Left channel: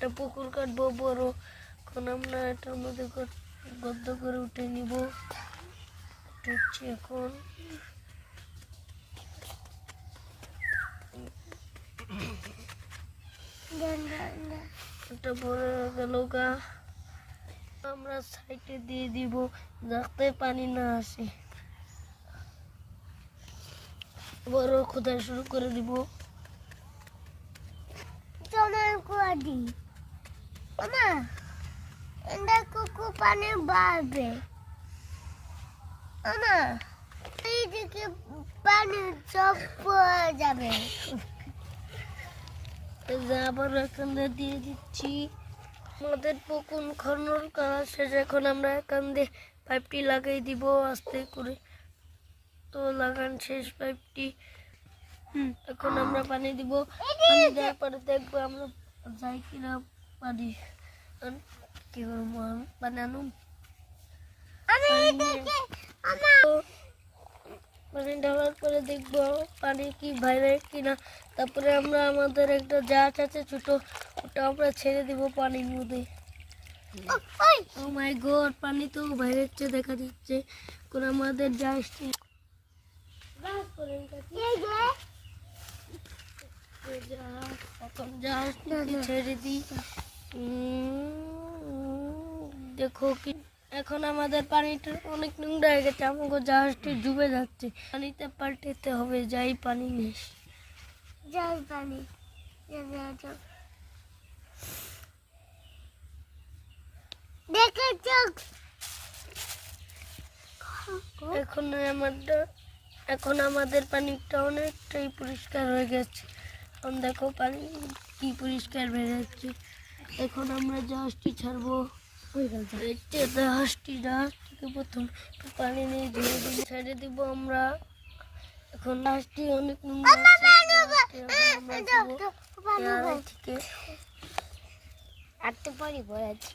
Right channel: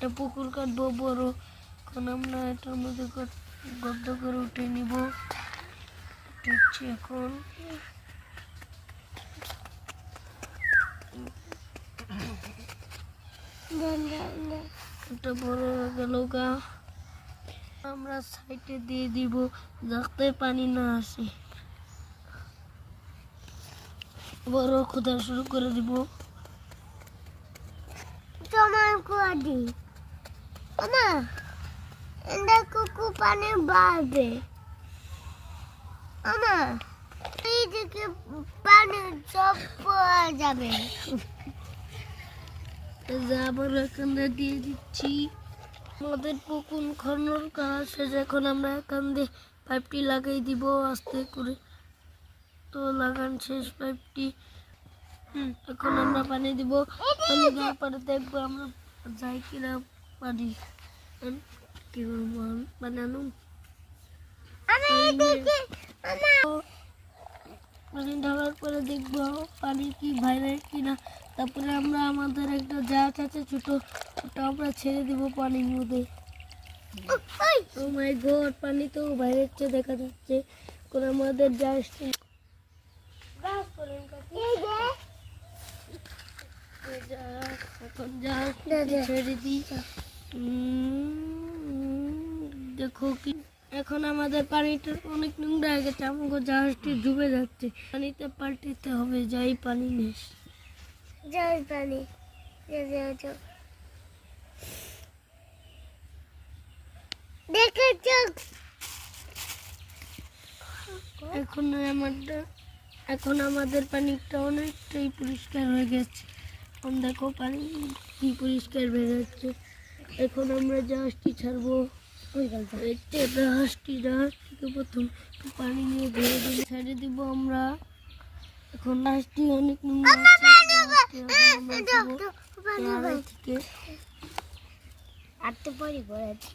একটা পুকুর কাটবো বড়। এখন আমরা এটার মধ্যে গর্ত করে উঠে নিব। উঠেছি এখন এটা বড় হয়ে গেল গা। আমরা সাইডে দিয়ে দিব যাতে পানি না আসে। বড় খোদা শুরু করে দিব। তোমার কুয়াদি আমা এন্ডা কুকু পানি বাড়বে আমা এই দিকে পানি সব পড়ে যাবে। আবার এখান দিয়ে দিচ্ছি। আমাদের পুকুর খনন করা শেষ। এখন আমরা এখান দিয়ে পাইপটি লাগিয়ে দিব আস্তে করে। তো লাগান শেষ পাইপটি। এখন আমরা পানি দিব। পানি দেওয়ার পরে দেখবো আমরা যাই কিনা পানি কি বানানো পানি ঢালার পরে দেখবো পানি কি বাইরে কিনা। তারপরে আমরা আমাদের একটা জাহাজ আছে ছোট, ওটা আমরা ছেড়ে দিব পানির মধ্যে। ও মাই গড, পানি তো বাইরে দেখা যাচ্ছে। এখন আমাদের জাহাজটি ছেড়ে দিই। দেখো কি এখন আমাদের পানিটা অনেক নোংরা হয়ে গেছে। আমাকে জাহাজটি ডুবে যাচ্ছে। পানিতে পাল্টাতে হবে। যাই পানি নেস যাই পানি দেখেছ এখন আমাদের পানিটা অনেকটাই পরিষ্কার হয়ে গেছে। এখন দেখো পানি কি পরিষ্কার বেরোচ্ছে। এখন আমরা জাহাজটি ছাড়বো। জাহাজ থেকে প্রথম পানি নিয়ে ধীরে ধীরে ছেড়ে দিব আমরা। এখন জাহাজটি অনেক আটতে পারি বলেছি।